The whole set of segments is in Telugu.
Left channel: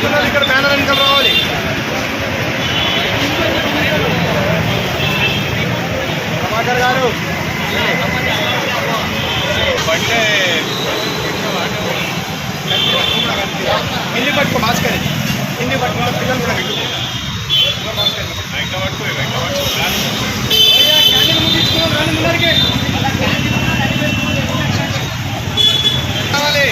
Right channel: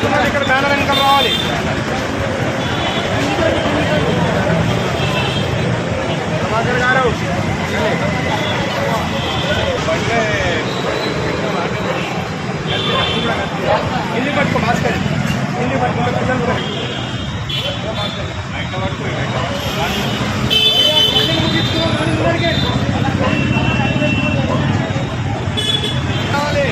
కస్టమర్లు ఇక్కడ బ్యానర్ వెనకాల రావాలి. ప్రభాకర్ గారు బండ్లే హిందీ పట్టుకో భాస్కర్, హిందీ పట్టుకుంటే పిల్లలు కూడా భాస్కర్ ఇట్లా పట్టుకో క్యాండిల్ ముగించుకున్నాం. రాని ముందరికి కావాలి.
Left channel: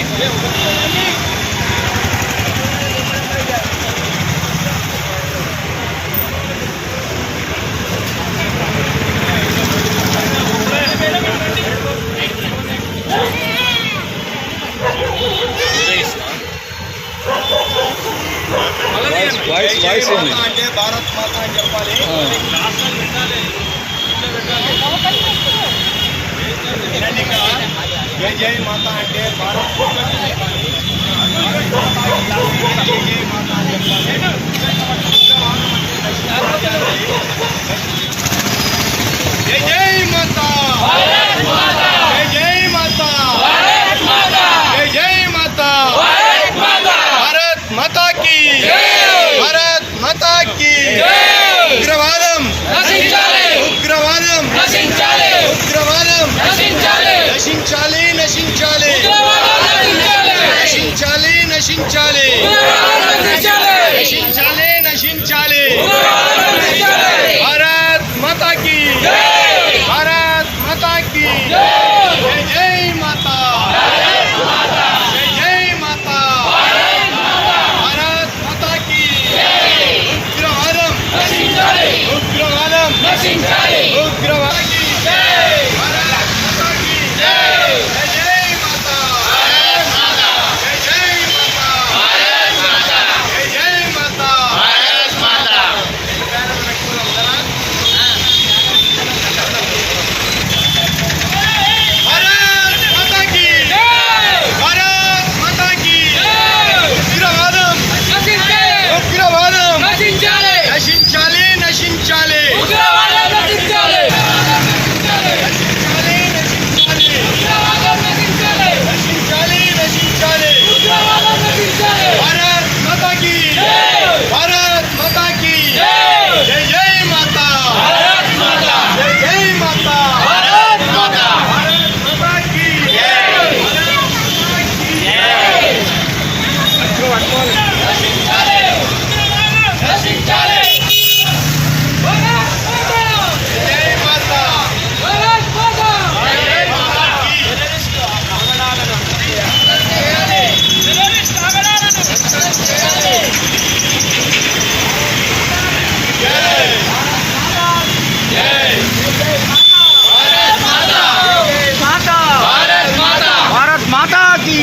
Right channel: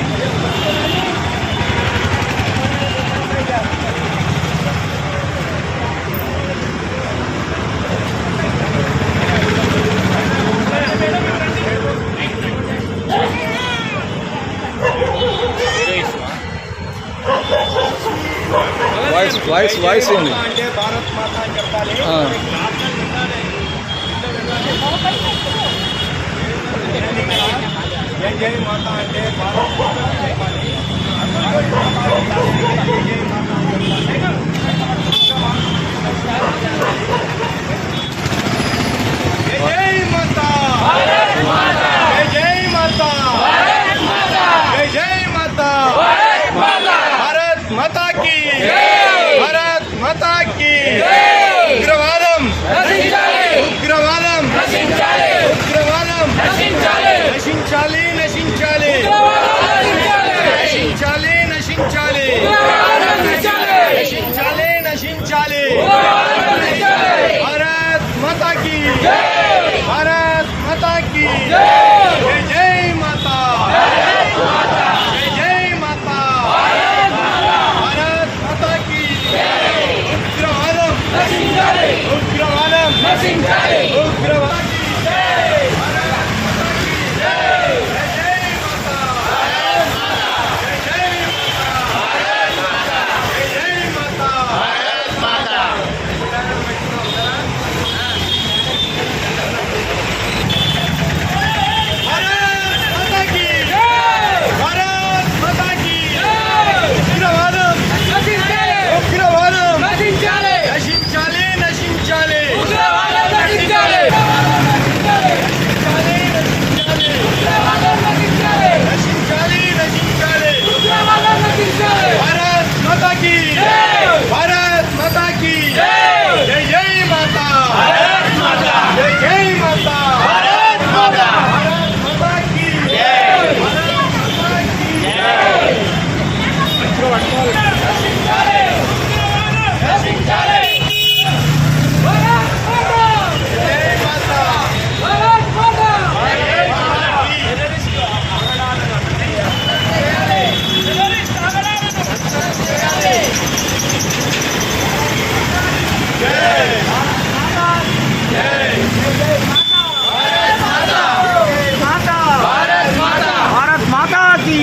వాయిస్ ఏంది అంటే భారత్ మాత అని చెప్పాలి. జై జై మాత అంటే భారత్ మాత అని చెప్పాలి. జై జై మాత అని చెప్పాలి. జై జై మాత, జై జై మాత, జై జై మాత, భారత్ మాతా కీ, భారత్ మాతా కీ. ఉగ్రవాదం ఉగ్రవాదం ఉగ్రవాదం నశించాలి నశించాలి నశించాలి నశించాలి నశించాలి నశించాలి. భారత్ మాతా కీ, భారత్ మాతా కీ. జై జై మాతా, జై జై మాతా, భారత్ మాతా కీ. ఉగ్రవాదం ఉగ్రవాదం ఉగ్రవాదం. నశించాలి నశించాలి నశించాలి. భారత్ మాతా కీ, భారత్ మాతా కీ. జై జై మాతా, జై జై మాతా, భారత్ మాతా కీ. నశించాలి నశించాలి. భారత్ మాతా కీ.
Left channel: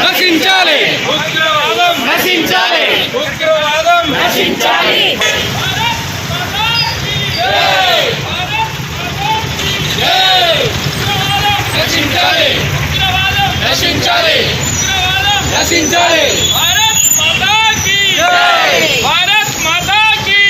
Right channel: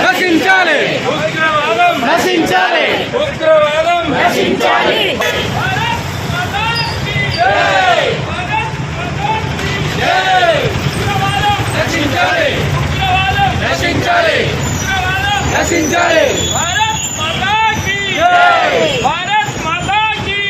నశించాలి నశించాలి ఉగ్రవాదం నశించాలి. నశించాలి నశించాలి నశించాలి. भारत माता की, भारत माता की.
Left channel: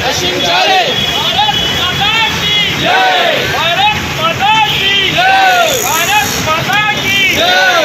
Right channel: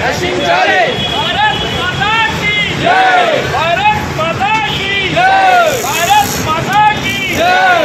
నశించాలి भारत माता की, జై. भारत माता की, జై. भारत माता की. జై.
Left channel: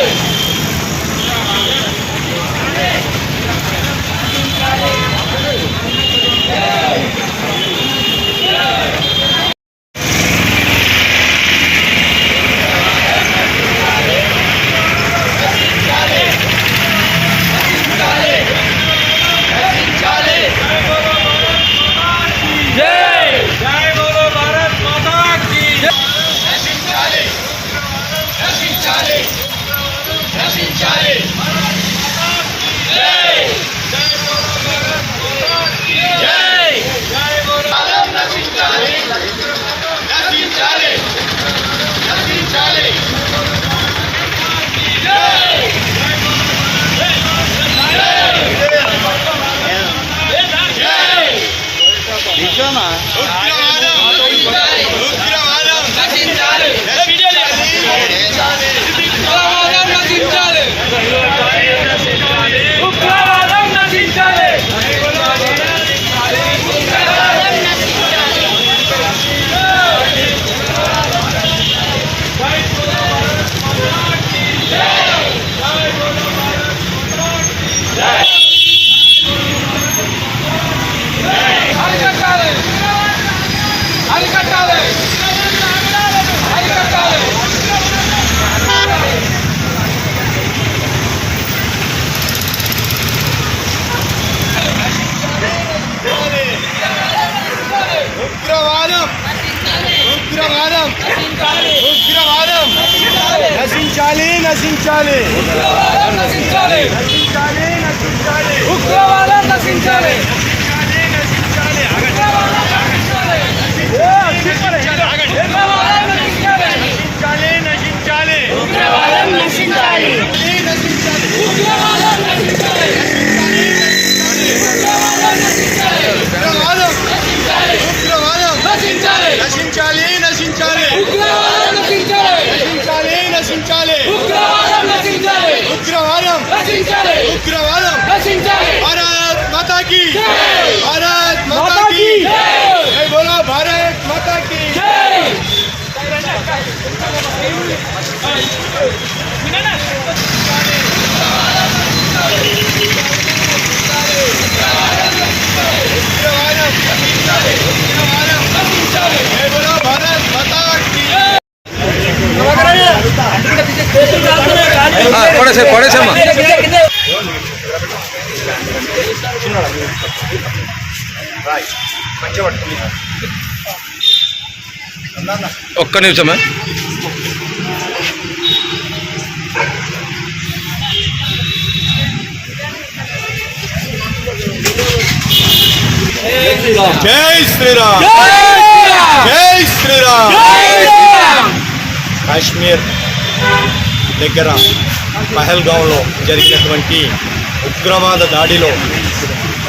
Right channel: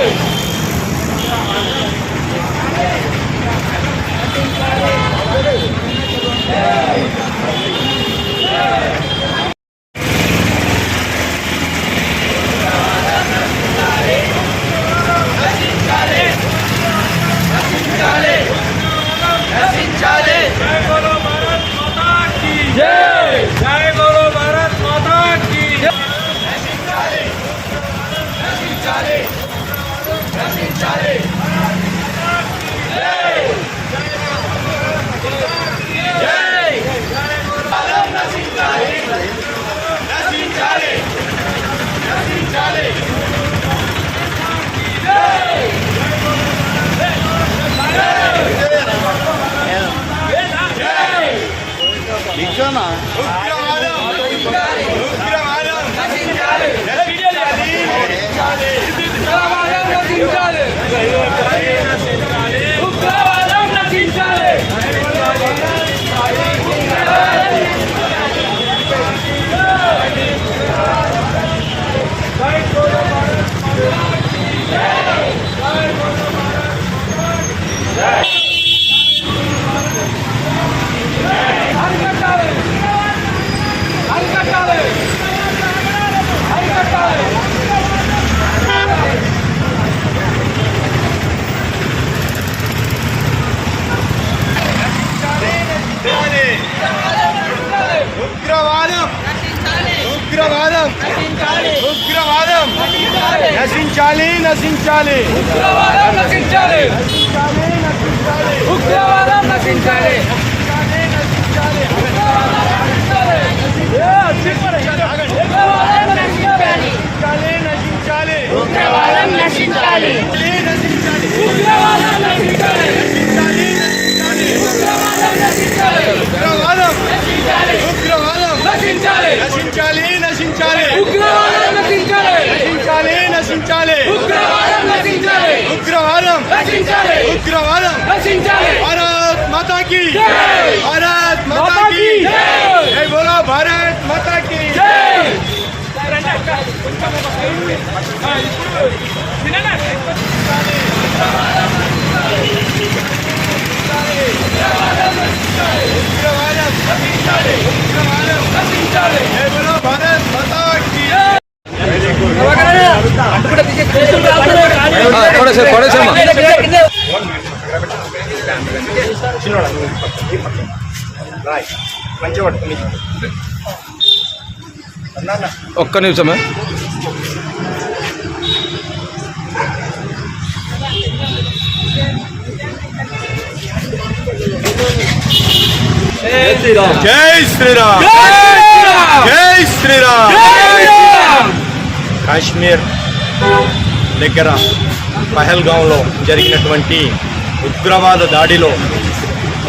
ఉగ్రవాదం ఉగ్రవాదం నశించాలి నశించాలి ఉగ్రవాదం నశించాలి నశించాలి నశించాలి ఉగ్రవాదం నశించాలి ఉగ్రవాదం నశించాలి ఉగ్రవాదం నశించాలి ఉగ్రవాదం ఉగ్రవాదం నశించాలి నశించాలి నశించాలి ఉగ్రవాదం నశించాలి నశించాలి నశించాలి ఉగ్రవాదం నశించాలి ఉగ్రవాదం నశించాలి ఉగ్రవాదం నశించాలి भारत माता की जय भारत माता की जय बोलो भारत माता की उग्रवादम उग्रवादम నశించాలి जय बोलो भारत माता की పడేసమ్మా రాయ్ మంచి పట్టుకుని ఒక్క నిమిషమే జై శ్రీరామ్ జై శ్రీరామ్ కాశ్మీర్ దగ్గర పహల్గాంలో జరిగినటువంటి ఉగ్రవాద దాడిలో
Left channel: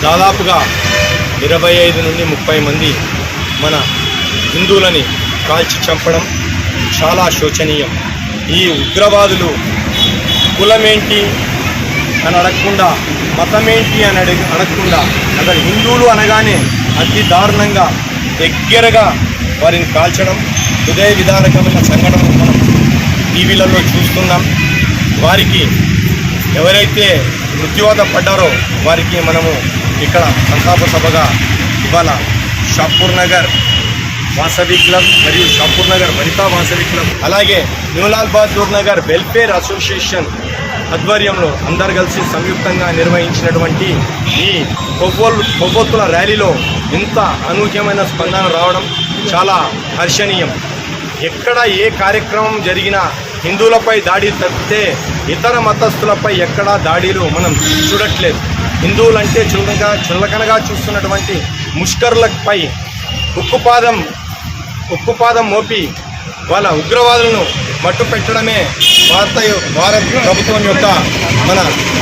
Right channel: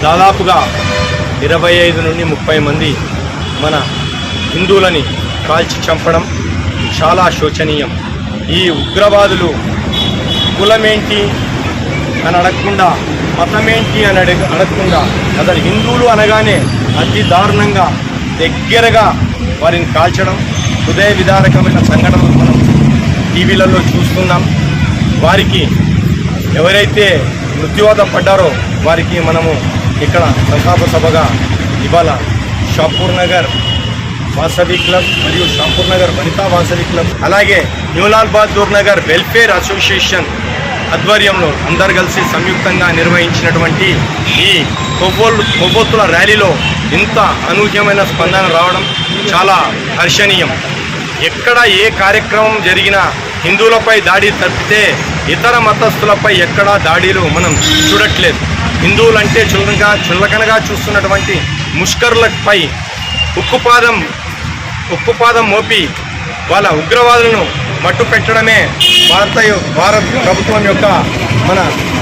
దాదాపుగా 25 నుండి 30 మంది మన హిందువులని కాల్చి చంపడం చాలా శోచనీయం. ఈ ఉగ్రవాదులు కులమేంటి అని అడగకుండా, మతమేంటి అని అడగకుండా అసలు హిందువులు అనగానే అతి దారుణంగా దగ్గరగా వారిని కాల్చడం హృదయ విదారకమైన సంఘటనలు మనం టీవీలలో చూస్తున్నాం. వారికి ఎవరైతే మృత్యువాత పడ్డారో వారికి మనము ఇక్కడ సంతాప సభగా ఇవాళ షాపూర్ నగర్ వాసవి క్లబ్ మరియు షాపూర్ నగర్ వనితా వాసవి క్లబ్ అలాగే న్యూలాల్ బహదూర్ నగర్ వెల్ఫేర్ అసోసియేషన్ ఆధ్వర్యంలో అందరు కలిసి సంయుక్తంగా నిర్వహించినటువంటి ఈ కొవ్వొత్తుల ర్యాలీలో ఇంత అనూహ్యమైన స్పందన రావడం చాలా హర్షణీయం. ఎక్కడ ఏ కార్యక్రమం జరిగినా హిందువులపై దాడి తప్పితే ఇతర మతస్థులపై ఎక్కడా దాడులు మనం చూడట్లేదు. హిందువులంటే చులకనగా చూస్తున్నటువంటి ముష్కరులపై ఉక్కుపాదం మోపి వాళ్ళ ఉగ్రవాదులను మట్టు పెట్టడమే భారత ప్రభుత్వం యొక్క మన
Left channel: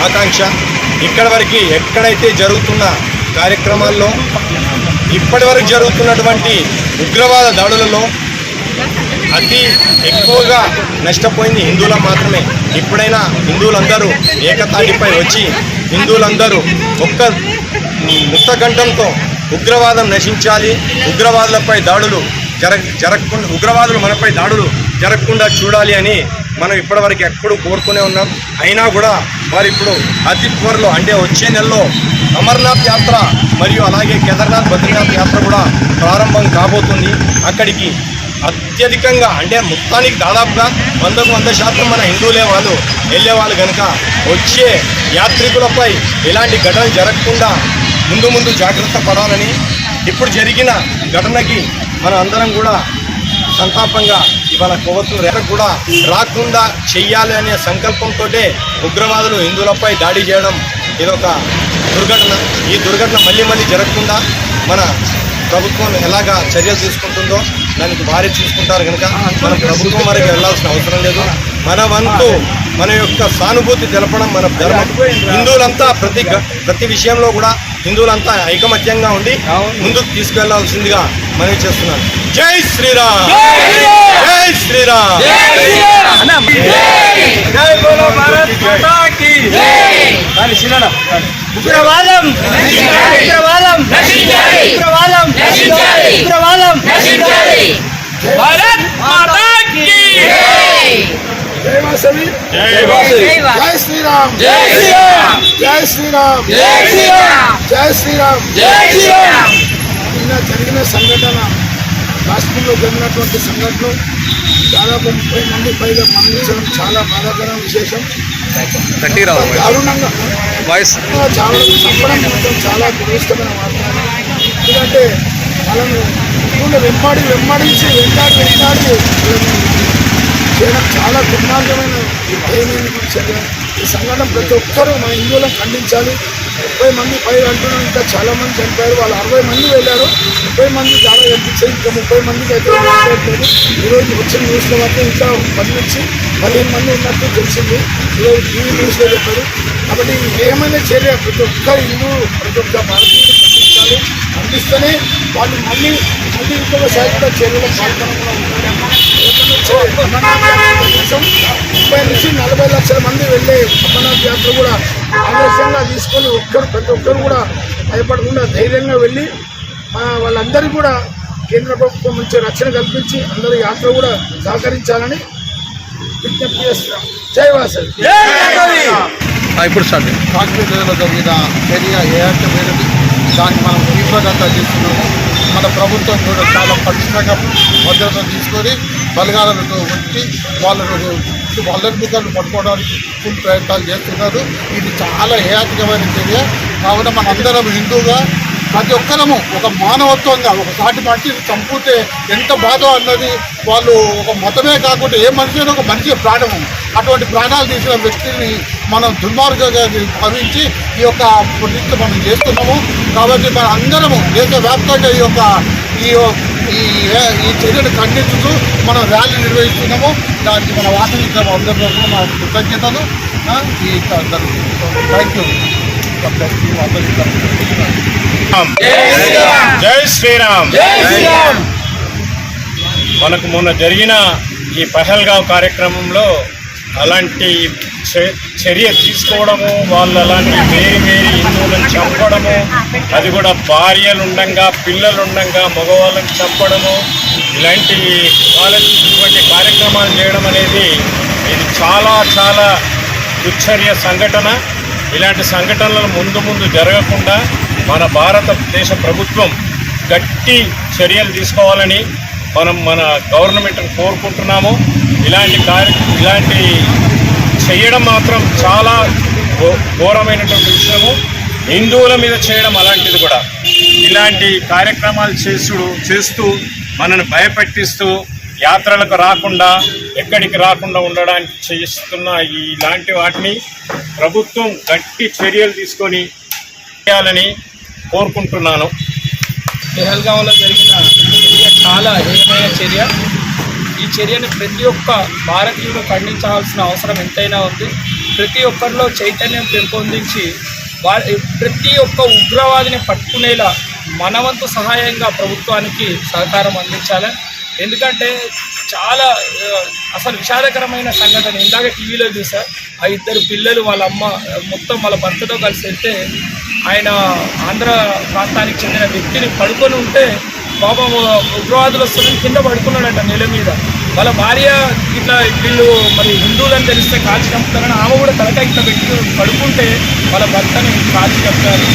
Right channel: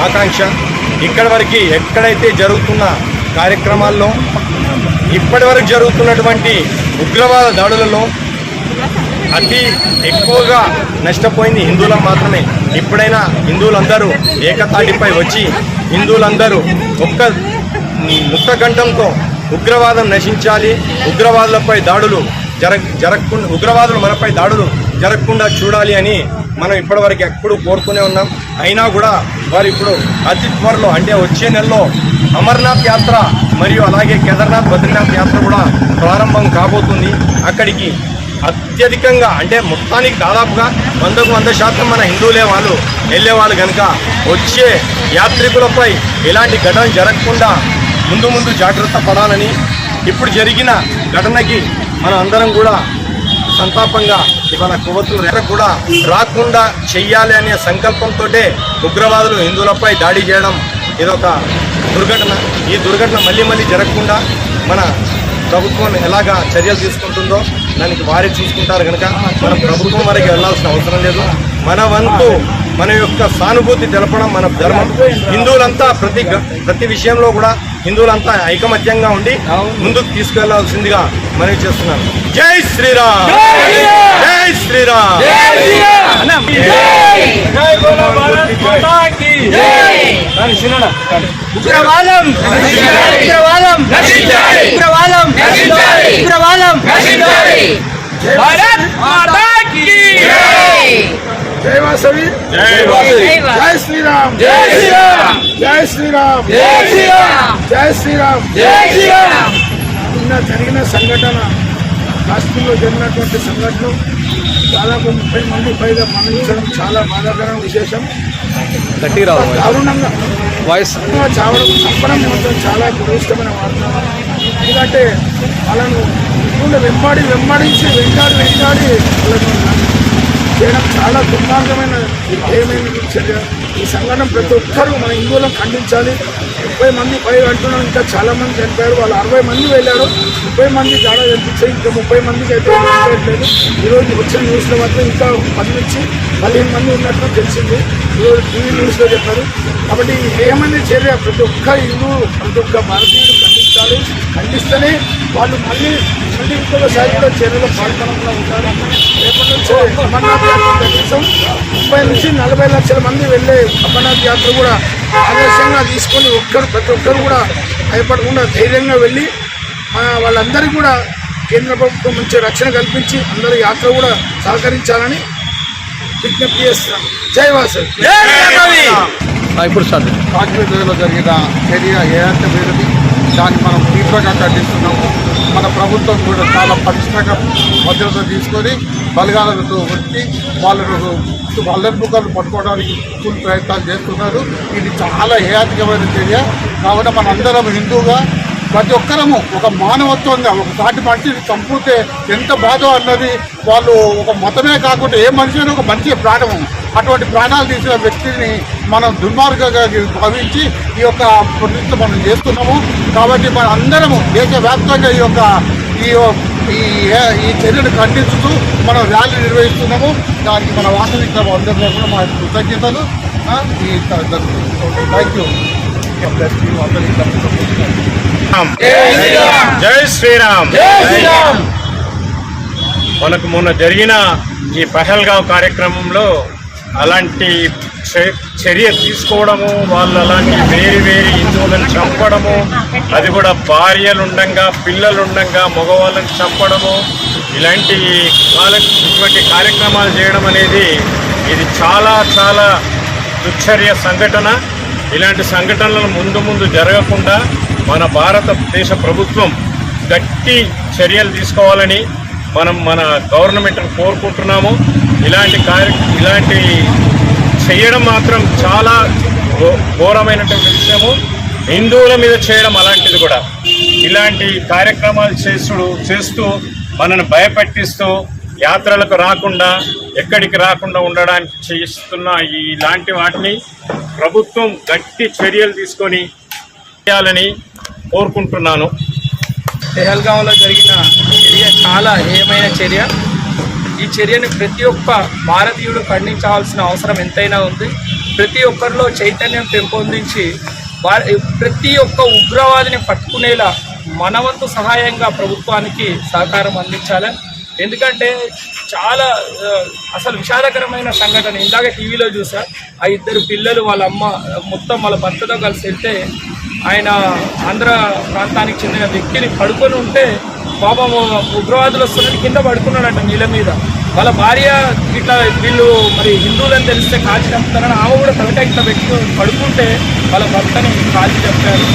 ఆకాంక్ష. ఇక్కడి వరకు ఎక్కడైతే జరుగుతున్న కార్యక్రమాల్లో ఇప్పటి వరకు జరుగుతున్నటువంటి ఉగ్రవాద దాడులలో అతి ఎక్కువగా నష్టపోయింది హిందువులకు మాత్రమే. ఇప్పుడైనా హిందువులందరూ ఏకతాటిపై వచ్చి హిందువులందరూ ఒక్క ముక్తకంఠంతో ఉగ్రవాదం నశించాలి, ఉగ్రవాదులపై దాడులు జరగకుండా ఉగ్రవాదులు మనపై దాడులు జరగకుండా చూడాలి అని మనం ఇప్పటివరకు ఎక్కడూ కోరుకునే ఉన్నాం. అయినా కూడా వారు ఇప్పుడు అతి త్వరలో అంటే వచ్చే నెలలో అమర్నాథ్ యాత్ర మరియు అలాగే కేదార్నాథ్ బద్రీనాథ్ యాత్ర కూడా ప్రారంభం కాబోతుంది. అక్కడికి అత్యధికంగా అంటే మొత్తానికి దాదాపుగా 100% మన హిందువులే వాళ్ళు వెళ్ళేవాళ్ళు కనుక వచ్చే యాత్రికులపై ఎలాంటి ఘటన జరగకుండా ముందు జాగ్రత్త పడాలని, ఇప్పుడు జరిగిన ఘటనకి మనం అందరం కూడా సంతాపంగా ఇవాళ కొవ్వొత్తులు కూడా రాకుండా చెయ్యాలి అనే సంకల్పంతో ఉగ్రవాదులు హిందువులపై దాడి చేయడం ఇదొక దుర్ఘటన. ఈ దుర్ఘటన మళ్ళీ జరగకుండా మన ప్రభుత్వం ఎలాగా చర్యలు తీసుకుంటుందో దానికి వారే చూసుకుంటారు కనుక మనం ప్రభుత్వం వరకు వెళ్లాల్సిన అవసరం లేదు. మన వంతు మన యొక్క సానుభూతి తెలపడం మన ధర్మం. హిందువులంతా ప్రతి విషయంలో కూడా హిందువులంతా ఐకమత్యంగా ఉండి ముందుకు తీసుకెళ్లాల్సిందిగా మనవి చేస్తున్నాను. జై శ్రీరామ్, జై శ్రీరామ్. ఉగ్రవాదం ఉగ్రవాదం నశించాలి ఉగ్రవాదం నశించాలి ఉగ్రవాదం నశించాలి భారత్ మాతా కీ జై జై వాసవి, జై వాసవి, జై శ్రీరామ్, జై శ్రీరామ్, జై శ్రీరామ్, జై శ్రీరామ్, జై శ్రీరామ్, జై శ్రీరామ్. నిన్న జరిగిన సంఘటన, కాశ్మీర్లో జరిగినటువంటి సంఘటనలు దాదాపు 30 మంది పైగా మరణించడం చాలా బాధాకరమైన విశేషం. దారుణంగా చంపడం మాత్రం చాలా దురదృష్టమైన వార్త. ఎందుకంటే వాళ్ళను తప్పకుండా వెంబడించి వెంటాడి వాళ్ళను చేయడం చాలా దుర్మార్గమైన ఏమైనా చర్య. ఈ సంఘటన ప్రతి ఒక్కరూ మన హిందువులను ఖండించాలి. 30 మంది పైగా అంటున్నాం, ఇంకా చాలా మంది చనిపోయారు. వాళ్ళు 60 మంది వెళ్ళారు, 30 మంది చాలా కనిపించాయి. ఇంకా 30 మందికి అయితే వెళ్ళట్లేదు. ఈరోజు వచ్చిన న్యూస్లో మాత్రం ఇంకా 10 నుంచి 15 మంది ఉన్నట్టు తెలిసింది. ఈరోజు టీవీ న్యూస్లో చెప్పారు. కాబట్టి ఏమైనా చర్య ప్రతి ఒక్క హిందూ, ప్రతి ఒక్క భారతీయుడు ఖండించాలి. ఖండిస్తేనే వాళ్ళు మళ్ళీ ఇంకొకసారి కూడా చర్యలో పాల్గొనకుండా ఉంటారు. రేపటి నుంచి అమర్నాథ్ యాత్ర కనీసం 30 నుంచి 40 లక్షల మంది వెళ్ళే అమర్నాథ్ యాత్ర కూడా ఆదర్శంగా తీసుకొని ప్రతి ఒక్కరు కూడా భయపడకుండా ధైర్యంగా వెళ్ళి వాళ్ళందరికీ కూడా కేంద్ర ప్రభుత్వం మంచి రక్షణ కల్పించి అందరూ యాత్ర కూడా సహకరించాలని విజ్ఞప్తి చేస్తున్నాం. జై వాసవి. ఇప్పుడు స్టార్ట్. కాశ్మీర్లో జరిగిన చర్య ఏర్చమైనది, దాన్ని మనం తీవ్రంగా ఖండిస్తున్నాము. మన ప్రభుత్వం కూడా చాలా పటిష్టంగా భద్రత తీసుకొని బలగాలతో వచ్చి వాళ్ళ ముఖాలు పట్టుకోవడానికి ఫుల్ ప్రయత్నాలు చేస్తున్నారు. ఇది చాలా హేయాత్మకమైన చర్య. కావున మనందరం హిందూగా ప్రతి ఒక్కరము ఒక మానవత్వంగా ఒక సాటి మనిషిని చంపితే ఎంత బాధ అన్నది వాళ్ళు ఒక మతమే కాకుండా ఏ మనిషి అయినా ఒక మనిషి ప్రాణము. అటువంటి ప్రాణాలు తీసిన వ్యక్తిని మనం దుర్మార్గంగా భావించి ఈ యొక్క ప్రతిష్ట మనం చేస్తున్నాము. కాబట్టి మన అందరము దేశవ్యాప్తంగా ఈ చర్యను ఖండిస్తూ మనం ర్యాలీ నిర్వహిస్తున్నాము. దానికి మన వాసవి క్లబ్ అందరి తరఫున మా కృతజ్ఞతలు. Thank you. వాసవి క్లబ్ జై శ్రీరామ్. మనకు మొన్న జరిగిన ఈ పహల్గావ్ కార్యక్రమంలో అలాంటి చర్య తీసుకోవడము, వాళ్ళు అలాంటి వేరే హిందువులను చంపడము, అది కూడా భార్యలుండంగా పిల్లలుండంగా మగవాళ్ళని చంపడము, ఇటువంటి కార్యక్రమాలు చేయడం అనేది ఇది చాలా చాలా దుశ్చర్య సంఘటన. ఇలాంటి సంఘటనలు ముందు జరగకుండా మన భారతదేశ ప్రభుత్వం గట్టి చర్యలు తీసుకోవాలని మన గవర్నమెంట్ని కోరుకుంటున్నాము. ఇలాంటి చేయడం మాత్రం చాలా ఘోరమైనటువంటి విషయము. హిందువుల మీద చేయడం అలాంటిది కూడా. ఇలాంటి కార్యక్రమాలు చేస్తూ మనను భయపెట్టిస్తూ యాత్రలకు రాకుండా ఎక్కడికి రాకుండా ఉండడానికి చేస్తున్న ఇలాంటి వాటిని ప్రభుత్వం గట్టి చర్యలు తీసుకొని చేయాలని కోరుకుంటున్నాను. పెహల్గాంలో జరిగిన చర్య చాలా హేయమైన చర్య. ఈ చర్యను ప్రతి ఒక్క భారతీయుడు ఖండించాల్సిన అవసరం ఎంతైనా ఉంది. ప్రతి ఒక్కరిలో చైతన్యం పెంపొందించి ప్రతి ఒక్క ఉగ్రవాదిని పట్టుకునేలా మనవంతు సహాయంగా ప్రభుత్వానికి సహకారం అందించాలి. ఎందుకంటే చాలా అసలు విషాదకరమైన సంఘటన. ఇందాక టీవీలో చూసా, ఆ 2 పిల్లలు వాళ్ళ అమ్మ మొత్తం వాళ్ళ భర్తతో కలిసి వెళ్తే ఆయన ఆంధ్ర ప్రాంతానికి చెందిన వ్యక్తిని పడుకొని ఉంటే పాపం ఉగ్రవాదులు వస్తున్నది కింద పడుకున్నాడట నీళ్ళ మీద. వాళ్ళ భార్య ఇట్లా వీళ్ళు మరి హిందువులని తెలిస్తే కాల్చి చంపుతారని ఆమె కూడా తలకాయ ఇట్లా పెట్టి పడుకుంటే వాళ్ళ భర్తని కాల్చి చంపారు.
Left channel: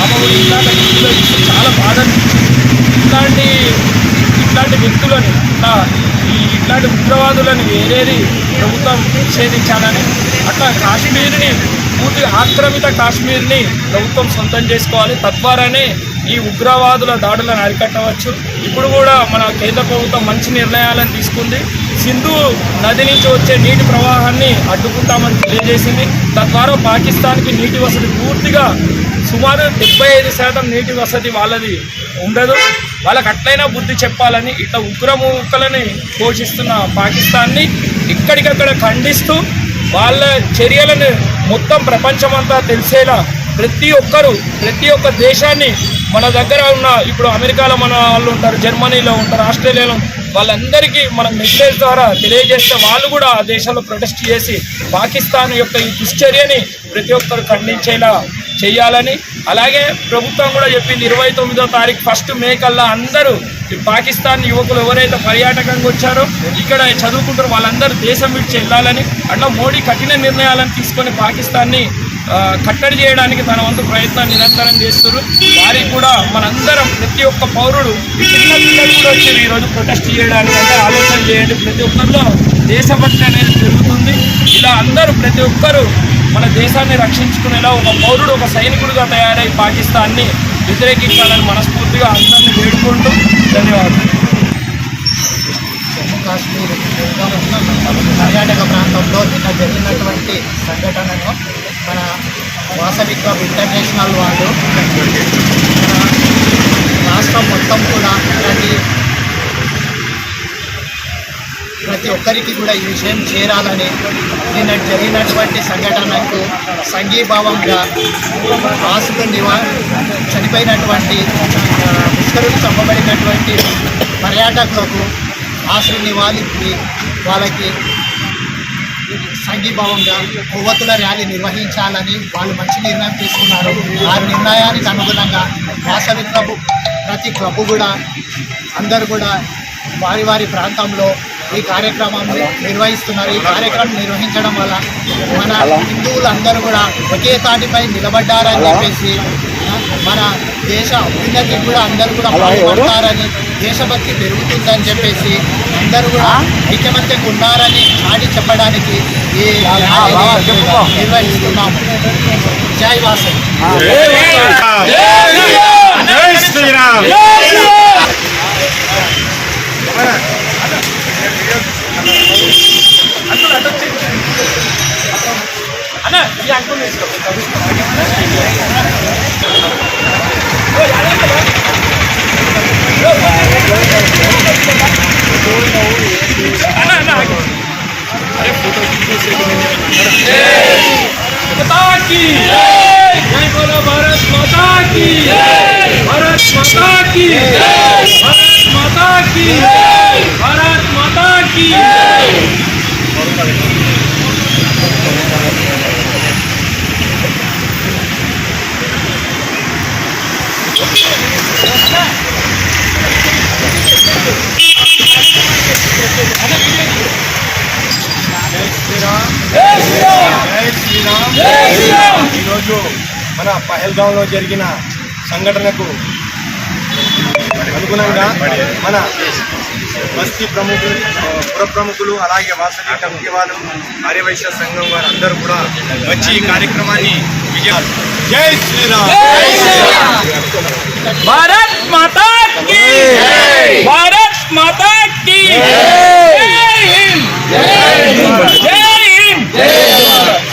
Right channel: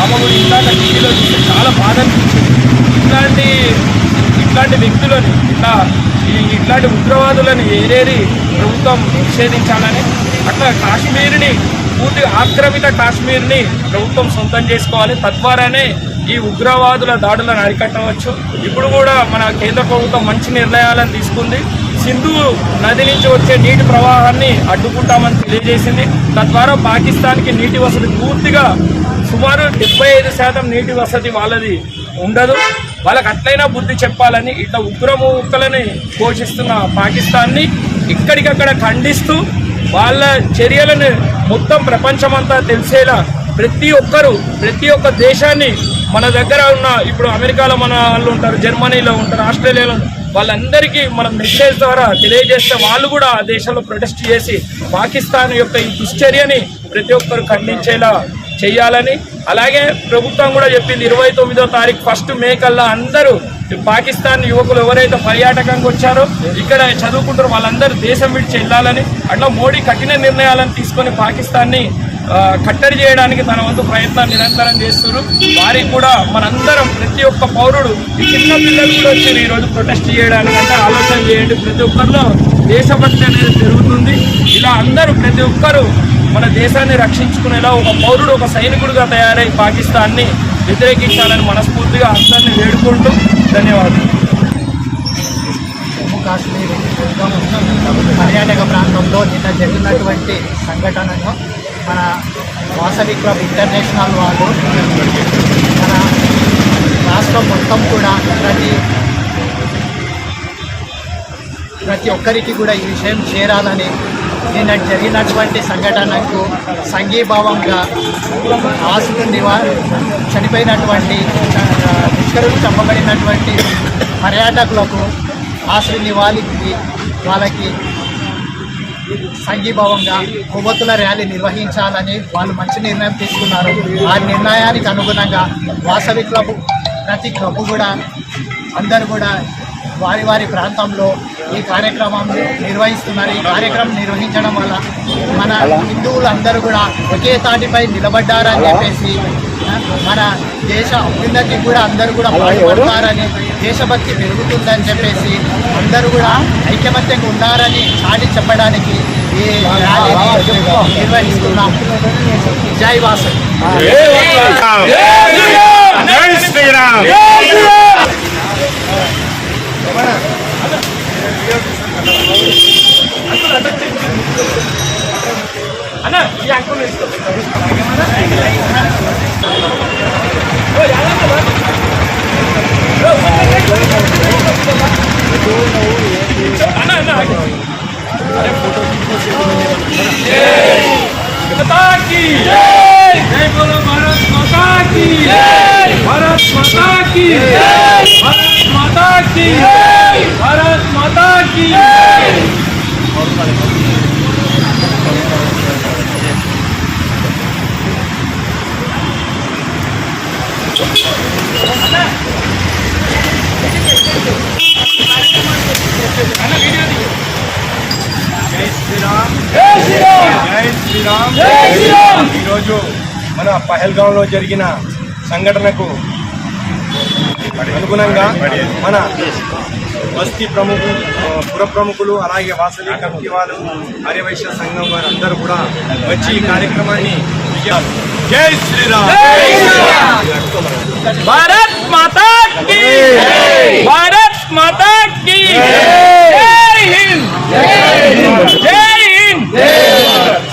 ఆమె కూడా ఇందాక టీవీలో చూస్తే చాలా బాధ అనిపించింది. ఇట్లాంటి వ్యక్తులను ఇట్లాంటి ఉగ్రవాదులను ఏరేది ప్రభుత్వం నిషేధించాలని, అట్లా కాశ్మీర్ని పూర్తి ఆక్రమిత కాశ్మీర్ని ప్రభుత్వం సొంతం చేసుకోవాలి. తద్వారానే ఈ ఉగ్రవాదుల దాడులను అరికట్టవచ్చు. ఇప్పుడు కూడా మన కేంద్ర ప్రభుత్వం మంచి నిర్ణయాలను తీసుకుంది. సింధు నది నుంచి వచ్చే నీటి ప్రవాహాన్ని అడ్డుకుంటామని తెలియజేసింది. తద్వారా పాకిస్తాన్కి నీటి వసతి పూర్తిగా సుమారు 75% నీటి వసతి వాళ్ళది ఉండదు. వాళ్ళకి అట్లయినా బుద్ధి చెప్పాలని ఇట్లా ఉగ్రముక్కలని పోషిస్తున్న పాకిస్తాన్ని ఇక్కడికక్కడ ఖండిస్తూ వాళ్ళ చర్యలను మొత్తం ప్రపంచమంతా తెలిసేలా ప్రతి ఒక్క దేశాన్ని మన దగ్గర ఉన్న ఇప్పుడు అమెరికాలో మన వాళ్ళు ఉంటారు, జర్మనీలో ఉంటారు, ఆస్ట్రేలియాలో వాళ్ళందరికీ మనం మెసేజ్ ద్వారా తెలియజేస్తే వాళ్ళు కూడా ఆ దేశంలో ప్రొటెస్ట్ చేసి పాకిస్తాన్ యొక్క ఈ దుశ్చర్యని ప్రతి ఒక్కరు ఖండించేలా చేయాలని. అలాగే ప్రభుత్వం కూడా చెప్పింది 29వ తారీఖు 1 మే కల్లా అందరూ పాకిస్తాన్ యువకులు ఎవరైతే పర్యాటకంగా వచ్చారో ఇక్కడ చదువుకుంటారో వాళ్ళందరూ దేశం విడిచి వెళ్ళాలని. అట్లా మోడీ కఠిన నిర్ణయాలను తీసుకొని పాకిస్తాన్ని కట్టడి చేయడానికి తన వంతు ప్రయత్నాన్ని నిరంతరం చేస్తున్నారు. వారికి కూడా మనందరం ప్రతి ఒక్క పౌరుడు, ఈ చిన్న పిల్లలు కూడా వచ్చారు ఈరోజు ప్రొటెస్ట్ చేయడానికి, అంటే ఆలోచన చేయండి. ప్రతి ఒక్కరిలో దేశభక్తి అనేది పెరుగుతుంది. ఇలా అందరూ ప్రతి ఒక్కరూ మన దేశాన్ని రక్షించుకునేలా ఒక పౌరుడు, ఒక సైనికుడిగా తయారై పాకిస్తాన్ని వ్యతిరేకించాలని మనస్ఫూర్తిగా అందరినీ వేడుకుంటూ ధన్యవాదాలు. జమ్మూ కాశ్మీర్ పర్యాటక ప్రాంతంలో నిన్న జరిగినటువంటి సంఘటనను మన వాసవి క్లబ్ ఇంటర్నేషనల్ వాళ్ళు మన రాష్ట్రం మొత్తం కూడా ప్రతి ఒక్కరికి కూడా ఈ విషయం చేరాలని నిన్న జరిగినటువంటి సంఘటనకు సంఘీభావంగా ఆశలు చనిపోయినటువంటి ముష్కరులు చంపబడినటువంటి పర్యాటకులకు ఆశలు నివాళికి వాళ్ళకి సంఘీభావంగా కొవ్వొత్తుల ర్యాలీ నిర్వహించాలని వాళ్ళు మంచి నిర్ణయం తీసుకున్నారు. ఆ నిర్ణయానికి అనుగుణంగా వాసవి క్లబ్ ప్రతి క్లబ్ కూడా అందరూ కూడా వారి వారి ప్రాంతంలో ఈ కార్యక్రమం నిర్వహిస్తున్నారు. ఈ కార్యక్రమం నిర్వహించడం వల్ల మన హిందువులందరూ కూడా ఒకే తాటిపై నిలబడ్డారని చెప్పేసి మన దేశ అభ్యున్నతికి కూడా అందరూ కూడా పాటుపడతారని, దేశభక్తి పెరుగుతుందని చెప్పేసి అందరూ కూడా ఐకమత్యంగా ఉన్నారని చాటి చెప్పడానికి ఈ ర్యాలీని నిర్వహిస్తున్నాము. జై వాసవి. भारत माता की ఈరోజు మన పహల్గాంలో జరిగిన సంఘటనకు అనుగుణంగా మన బస్తీ ప్రముఖులు, పుర ప్రముఖులు, అలాగే వాసవి కమిటీ వాళ్ళు, ఆర్యవైశ్య సంఘం వారు అందరూ కూడా వచ్చి ఈ కార్యక్రమాన్ని విజయాలు. జై శ్రీరామ్. भारत माता की, भारत माता की, जय हिंद, जय हिंद, जय हिंद.